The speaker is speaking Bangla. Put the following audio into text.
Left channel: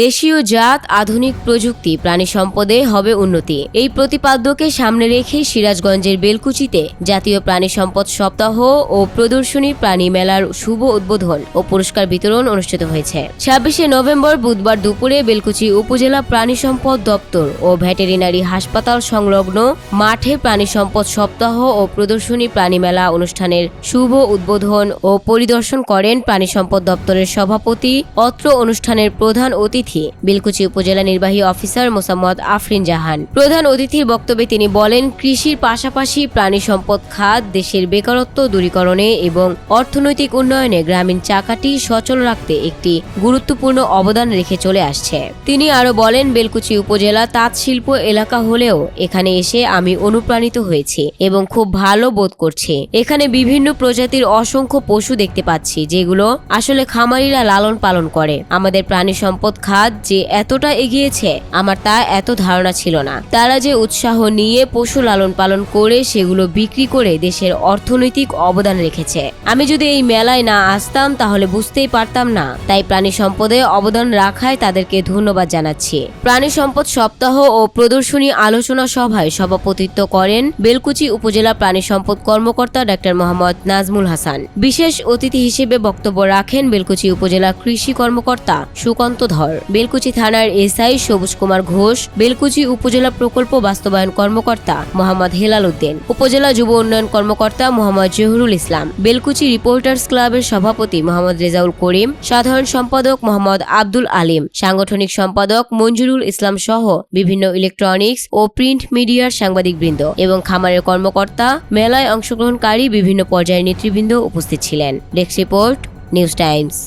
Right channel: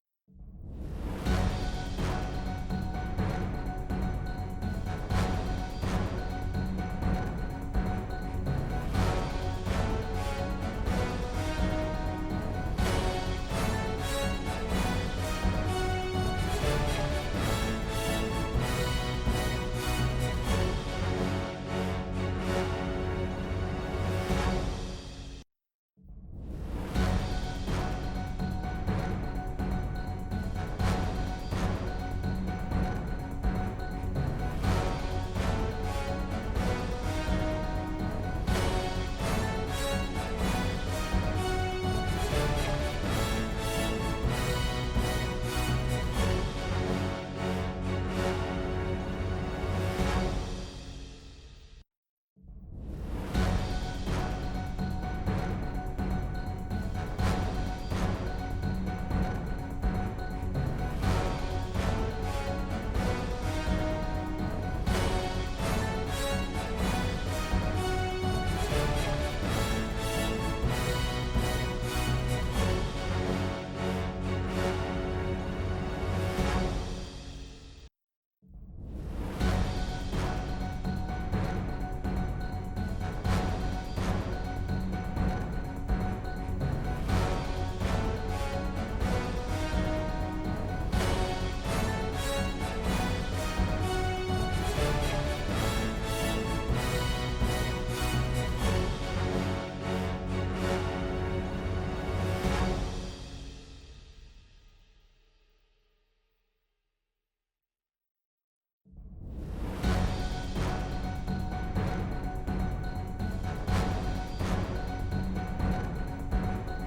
দেশীয় জাত, আধুনিক প্রযুক্তি, প্রাণী সম্পদে হবে উন্নতি। এই প্রতিপাদ্যকে সামনে রেখে সিরাজগঞ্জের বেলকুচিতে জাতীয় প্রাণী সম্পদ সপ্তাহ ও প্রদর্শনী প্রাণী মেলার শুভ উদ্বোধন ও পুরস্কার বিতরণ অনুষ্ঠিত হয়েছে। 26শে নভেম্বর বুধবার দুপুরে বেলকুচি উপজেলা প্রাণী সম্পদ দপ্তর ও ভেটেরিনারি হাসপাতাল সংলগ্ন মাঠে প্রাণী সম্পদ সপ্তাহ ও প্রদর্শনী প্রাণী মেলা অনুষ্ঠানের শুভ উদ্বোধন ও পরিদর্শন করেন প্রাণী সম্পদ দপ্তরের সভাপতি। অত্র অনুষ্ঠানের প্রধান অতিথি বেলকুচি উপজেলা নির্বাহী অফিসার মোসাম্মদ আফরিন জাহান। প্রধান অতিথির বক্তব্যে তিনি বলেন, কৃষির পাশাপাশি প্রাণী সম্পদ খাত দেশের বেকারত্ব দূরীকরণে এবং অর্থনৈতিক উন্নয়নে গ্রামীণ চাকাটি সচল রাখতে একটি গুরুত্বপূর্ণ অবদান রেখে চলে আসছে। তিনি আরো বলেন, বেলকুচি উপজেলা তাঁত শিল্প এলাকা হলেও এখানে এসে আমি অনুপ্রাণিত হয়েছি এবং খুব ভালো বোধ করছি। এখানে বিভিন্ন প্রজাতির অসংখ্য পশু দেখতে পাচ্ছি, যেগুলো আসলে খামারিরা লালন পালন করে। আমাদের প্রাণী সম্পদ খাত যে এতটা এগিয়েছে আমার তা এত ধারণা ছিল না। তারা যে উৎসাহ নিয়ে পশু লালন পালন করে সেগুলো বিক্রি করে দেশের অর্থনৈতিক অবদান রেখেছে। আমি যদি এই মেলায় না আসতাম তাহলে বুঝতেই পারতাম না। তাই প্রাণী সম্পদে অবদান রাখায় তাদেরকে ধন্যবাদ জানাচ্ছি। প্রাণী সম্পদ সপ্তাহ ও প্রদর্শনী আলোচনা সভায় সভাপতিত্ব করেন বেলকুচি উপজেলা প্রাণী সম্পদ কর্মকর্তা ডাক্তার মোহাম্মদ নাজমুল হাসান। বিশেষ অতিথি হিসেবে বক্তব্য রাখেন বেলকুচি উপজেলা কৃষি কর্মকর্তা সুকান্ত ধর, বেলকুচি থানার এসআই সবুজ কুমার ঘোষ, বেলকুচি উপজেলা প্রকল্প বাস্তবায়ন কর্মকর্তা মোহাম্মদ হেলাল উদ্দিন, উপজেলা যুব উন্নয়ন কর্মকর্তা মোহাম্মদ জহুরুল ইসলাম, বেলকুচি রিপোর্টার্স ক্লাবের সভাপতি মোহাম্মদ রেজাউল করিম, সাধারণ সম্পাদক মোহাম্মদ আব্দুল আলিম, সাংগঠনিক সম্পাদক মঞ্জুরুল ইসলাম সহ বিভিন্ন ইলেকট্রনিক্স ও প্রিন্ট মিডিয়ার সাংবাদিকবৃন্দ এবং খামারের কর্মকর্তা, মেলায় অংশগ্রহণকারী বিভিন্ন পর্যায়ের নেতৃবৃন্দ উপস্থিত ছিলেন। Desk report, news Times.